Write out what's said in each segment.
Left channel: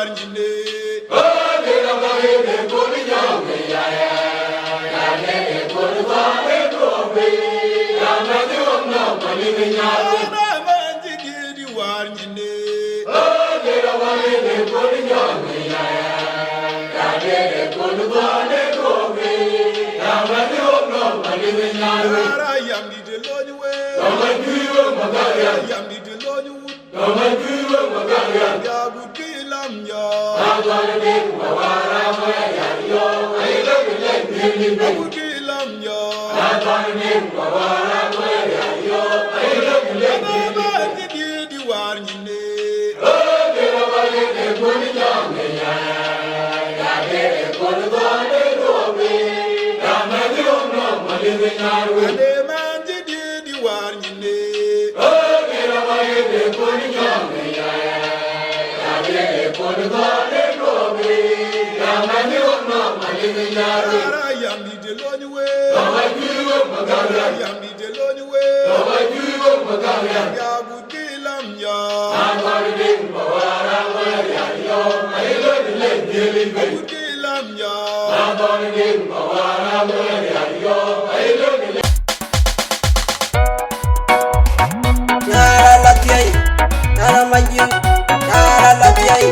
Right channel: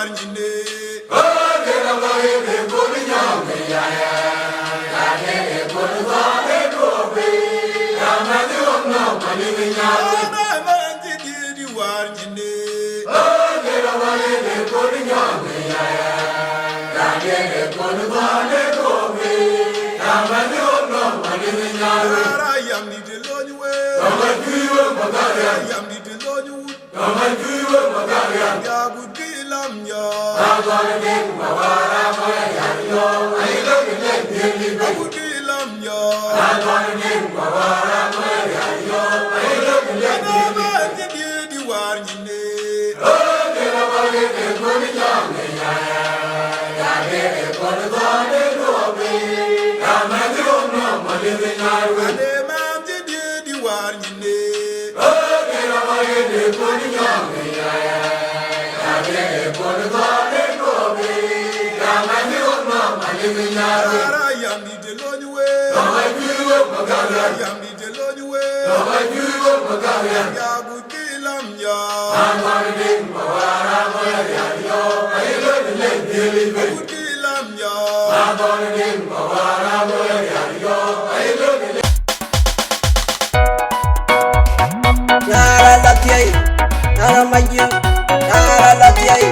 warnyine. Dera bahebe gori nyame ya ya. Dera gori bahebe gobe. Ramadi omna mani minyalo. Ana manji di warnyine. Dera bahebe gori nyame ya ya. Dera gori bahebe gobe. Ramadi omna mani minyalo. Ara yamdi de lonywe. Ramadiwe magaya. Yamdi de lonyu. Ramadiwe magaya. Ya gudilam ya. Agora dem bawara moya yo. Ayo gele deli be. Gudilam ya. Agora dem bawara moya yo. Ayo gele Ana manji di warnyine. Dera bahebe gori nyame ya ya. Dera gori bahebe gobe. Ramadi omna mani minyalo. Ana manji di warnyine. Dera bahebe gori nyame ya ya. Dera gori bahebe gobe. Ramadi omna mani minyalo. Ara yamdi de lonywe. Ramadiwe magaya. Yamdi de lonywe. Ramadiwe magaya. Ya gudilam ya. Agora dem bawara moya yo. Ayo gele deli be. Gudilam ya. Agora dem bawara moya yo. Ayo gele Yara latiyai, yara majin, yara latiyai,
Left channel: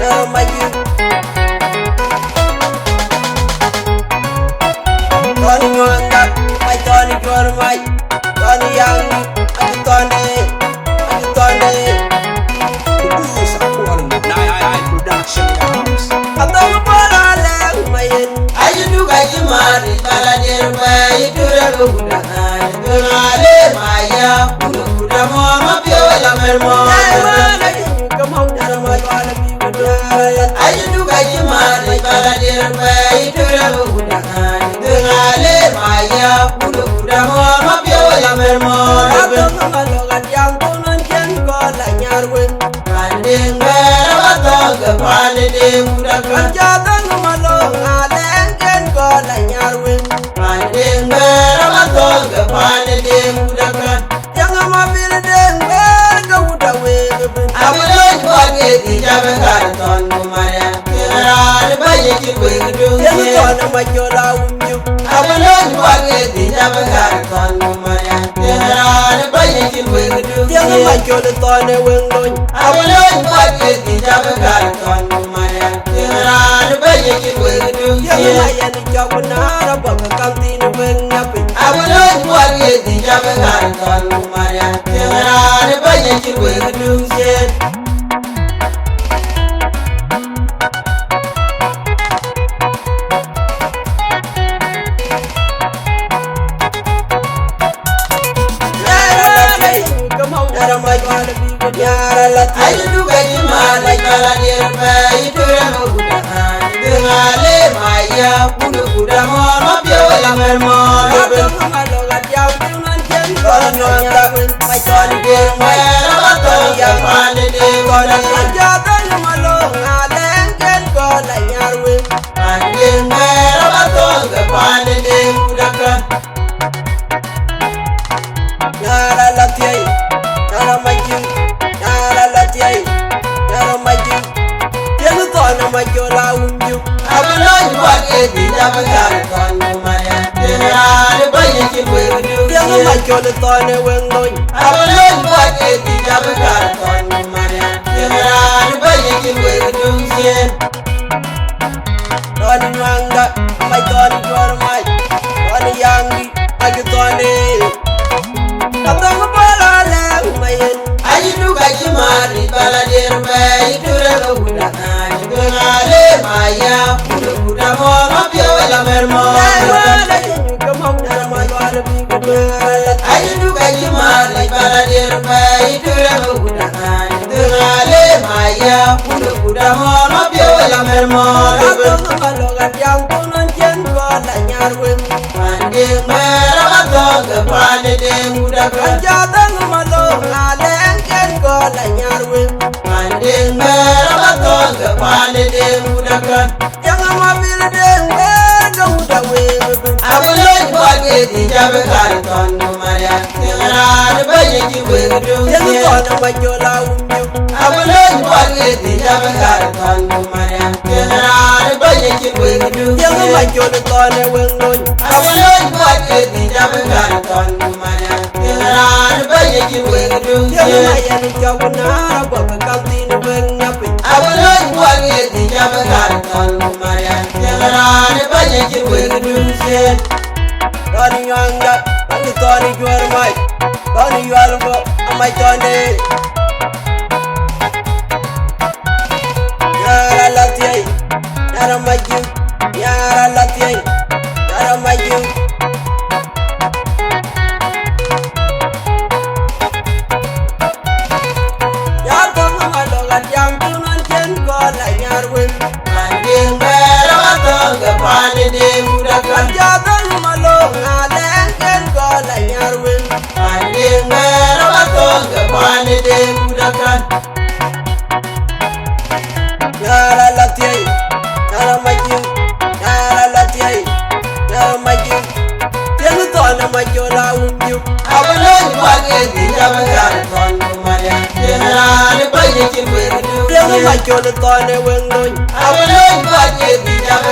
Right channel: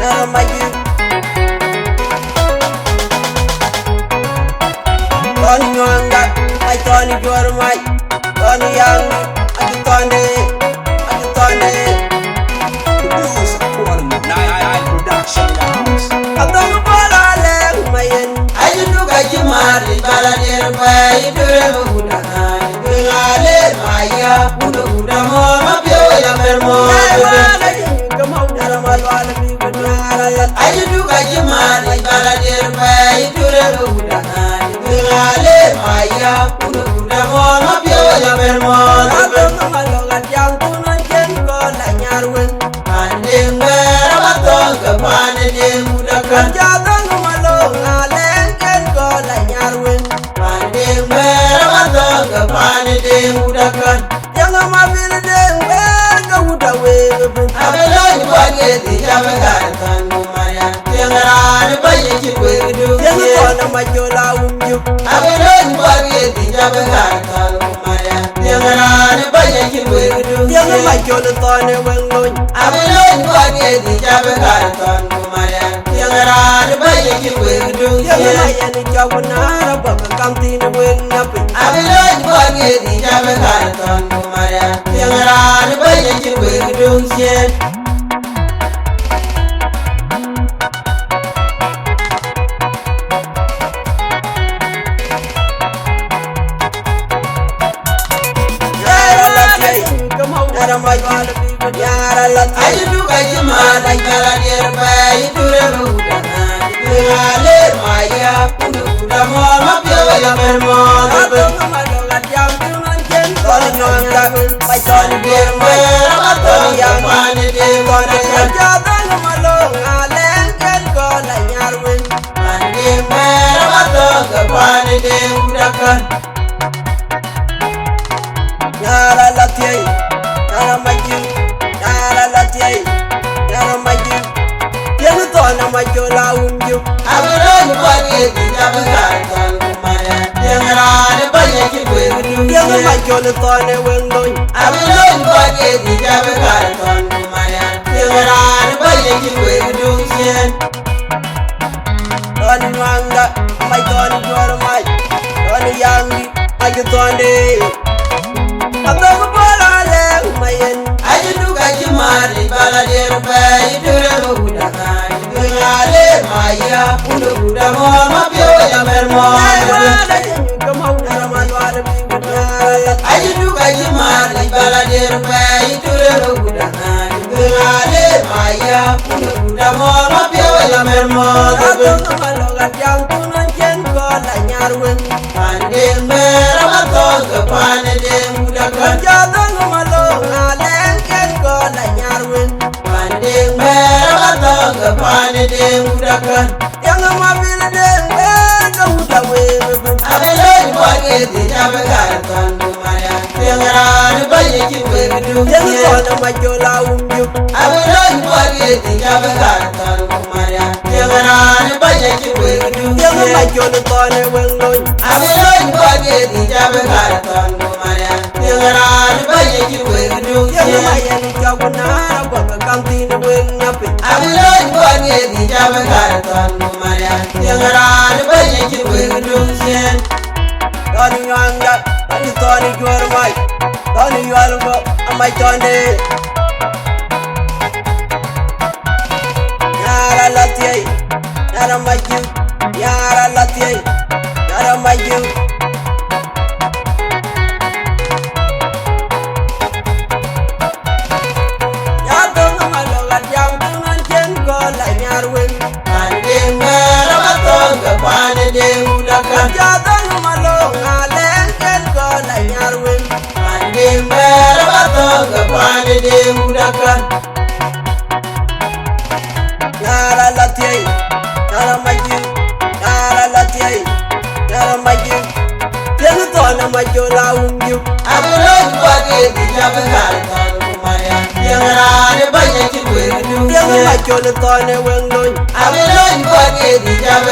yara majin. Tony nyanga, mai Tony juar mai, Tony yang, aju Tony. Producer calling me. Nine production in the house. Abdul bola leng mayen. Ayu duga jimani bala dirba idura buda han dugale maya buda mo mabyo la mermo Yai mana jinyu kamau yara mai wala bi bedara. Ayu duga jimani bala dirba idura buda han dugale maya buda mo mabyo la mermo Abdul ngalogan yang tunan jen ko la nyarwen. Mandinga rabato kapane de buda kan Jadang malong aleng jen ko la nyarwen. Mandinga rabato kapane de buda kan Yang mabil deng wer ka uda weben. Abaloi kwage di jabe kan kon kumaya Tiara de baye ki wedu Yang kona majola umjuk. Abaloi kwage di jabe kan kon kumaya Tiara de baye ki wedu Yang majola tone wenglon. Abaloi kwage di jabe kan kon kumaya Tiara de baye ki wedu Yang mayan jaguna rabaka kamtin weng nyapin. Abaloi kwage di jabe kan kon kumaya Tiara de baye ki wedu Yara latiyai, yara majin, yara latiyai. Abdul ngalogan yang tunan jen ko la nyarwen. Mai Tony juar mai, Tony yang, Tony. Jadang malong aleng jen ko la nyarwen. Yara latiyai, yara majin, yara latiyai, yara majin. Yang kona majola umjuk. Yang majola tone wenglon. Tony nwanga, mai Tony juar mai, Tony yangi, aju Tony. Abdul bola leng mayen. Yai mana jinyu kamau yara mai wala bi bedara. Abdul ngalogan yang tunan jen ko la nyarwen. Jadang malong aleng jen ko la nyarwen. Yang mabil deng wer ka uda weben. Yang kona majola umjuk. I will not forget the Tiang mai jol tone weng loy. Awaloi buanye di jabe kare ton kumaya. Tiang rani bayi ki weng Tiang mai yani jaguna rabo ke kantin weng nyapi. Awaloi buanye di jabe kare ton kumaya. Tiang rani bayi ki weng Tony yanga, Tony jual mai, Tony jual go, amai Tony. Yara latiai, yara maju, yara latiai, yara maju. Ya dong ngalogat yang tunan jen ko la nyarwin. Manding mera watong kapane de udakan. Ya dong malong ngaleng jen ko la nyarwin. Manding mera watong kapane de udakan. Yara latiai, yara maju, yara latiai, yara maju. Tiang tona maju la unjuk. Awaloi buanye di jabe kare ton kumaya. Tiang rani bayi ki weng Tiang maju le tona weng loy. Awaloi buanye di jabe